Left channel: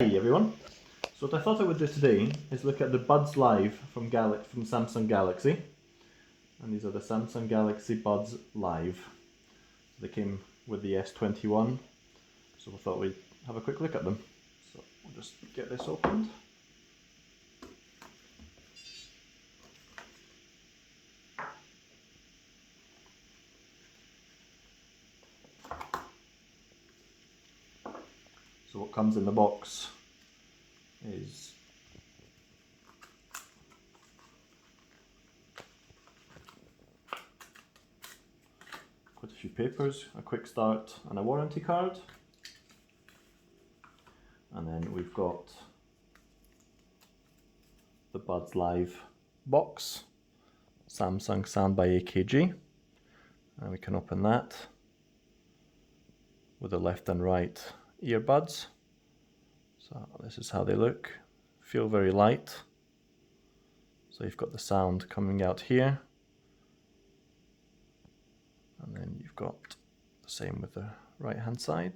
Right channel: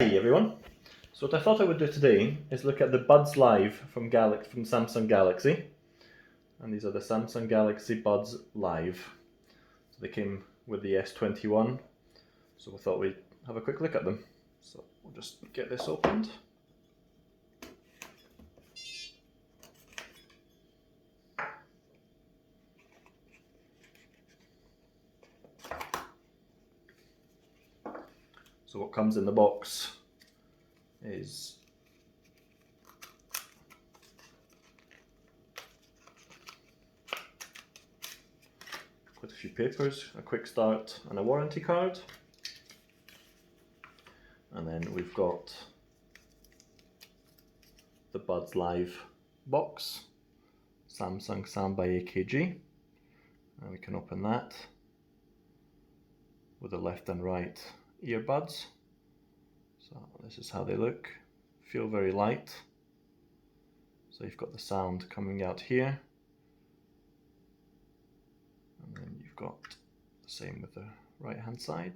Hey everyone, so what I thought I would do today is look at the Buds Live from Samsung Galaxy, and these are the Samsung Galaxy Buds Live. So they came with the S21, so we thought we'd have a quick look at them. So we'll just get this opened. So what comes in the box is quite a few papers, a quick start and a warranty card. And then we've got the Buds Live box, Samsung Sound by AKG, and we can open that with the left and right earbuds. So this is how they look. Feel very light. So you've got the sound coming out here, and then you've got the same with the right hand side.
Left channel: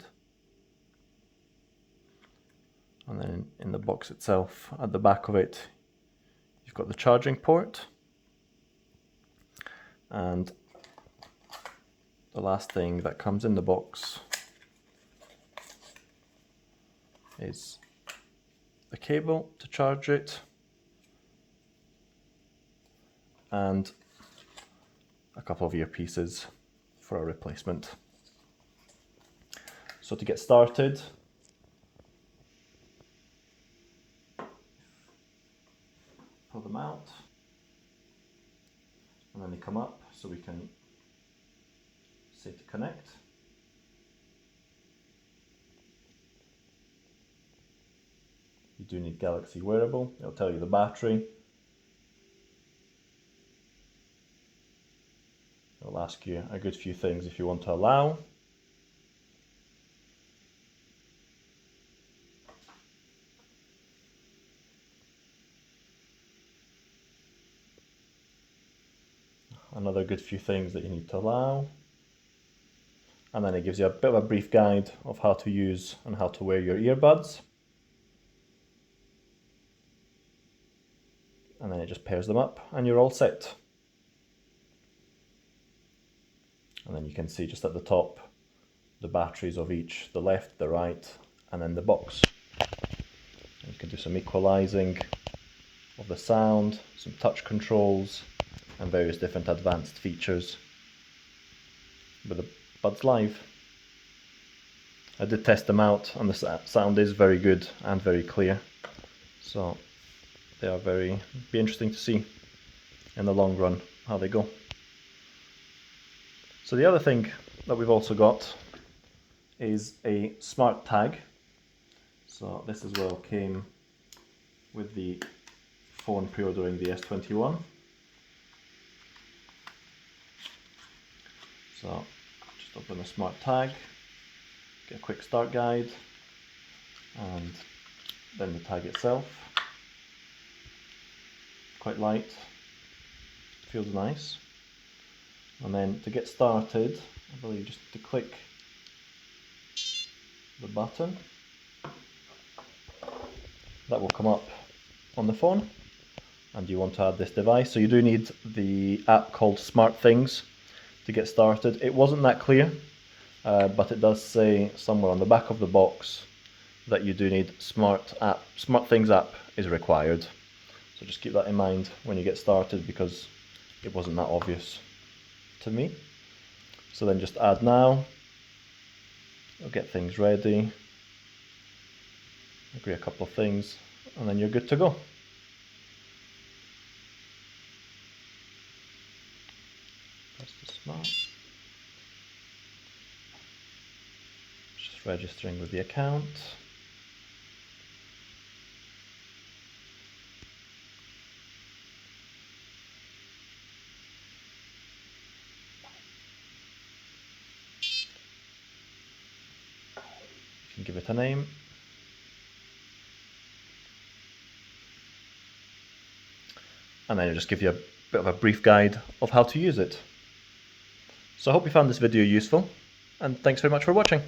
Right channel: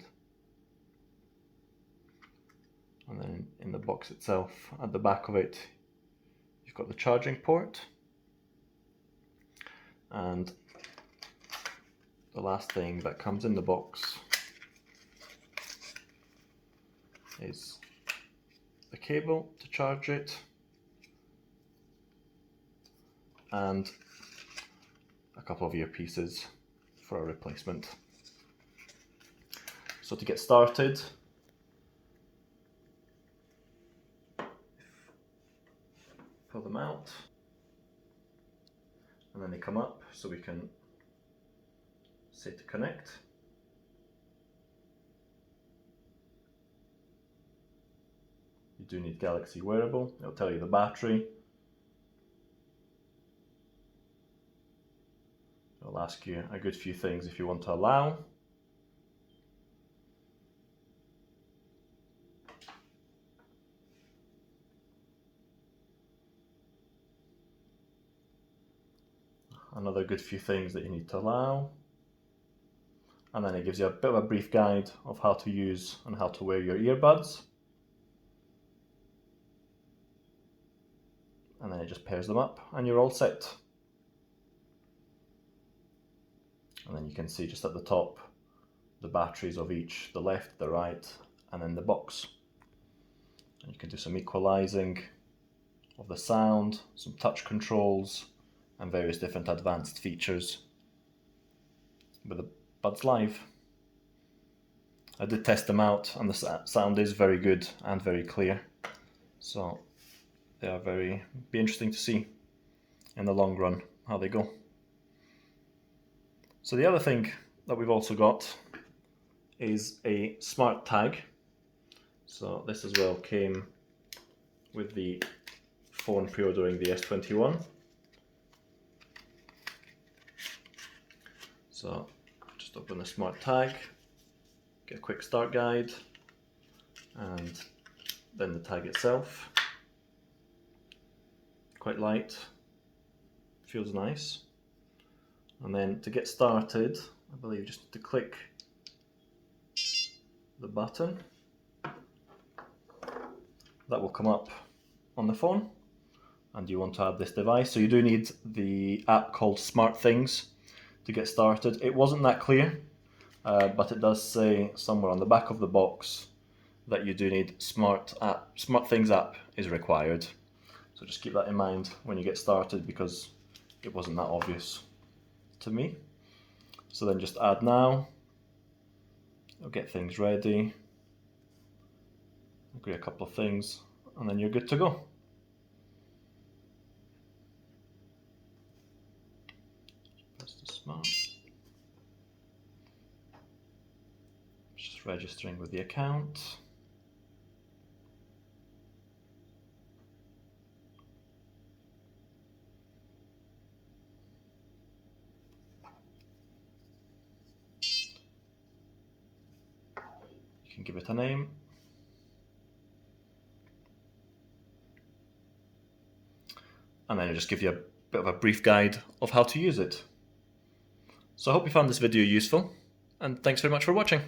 And then in the box itself, at the back of it, you've got the charging port. And the last thing that comes in the box is the cable to charge it and a couple of earpieces for a replacement. So to get started, pull them out and then they come up so we can say to connect. You do need Galaxy wearable, it'll tell you the battery. It'll ask you a good few things if you want to allow. Another good few things that you need to allow. And then it gives you a bit of a brief guide of how to use and how to wear your earbuds. And then it just pairs them up and you're all set. And then you can see just at the top the batteries of each, the left, the right, and then the box. And you can do some equalizing of the sound, some touch controls, and various different advanced features with the Buds Live. I did test them out and the sound is very good and very clear. So they are be interesting to see in the long run how they go. So the other thing that we've also got is a SmartTag. So this as well came with the phone pre-ordering the S21. So just open the SmartTag, get a quick start guide, and then the tag itself. Quite light, feels nice. And then to get started, I believe just to click the button, that will come up on the phone, and you want to add this device. So you do need the app called SmartThings to get started. It wasn't that clear, but it does say somewhere on the back of the box that you do need SmartThings app is required. So just keep that in mind when you get started because it wasn't that obvious to me. So then just add now, it'll get things ready, agree a couple of things, and then you're good to go. Press the smart. Just registering with the account. You can give it a name. And then it'll just give you a bit of a brief guide of how to use it. So I hope you found this video useful, and thanks very much for watching.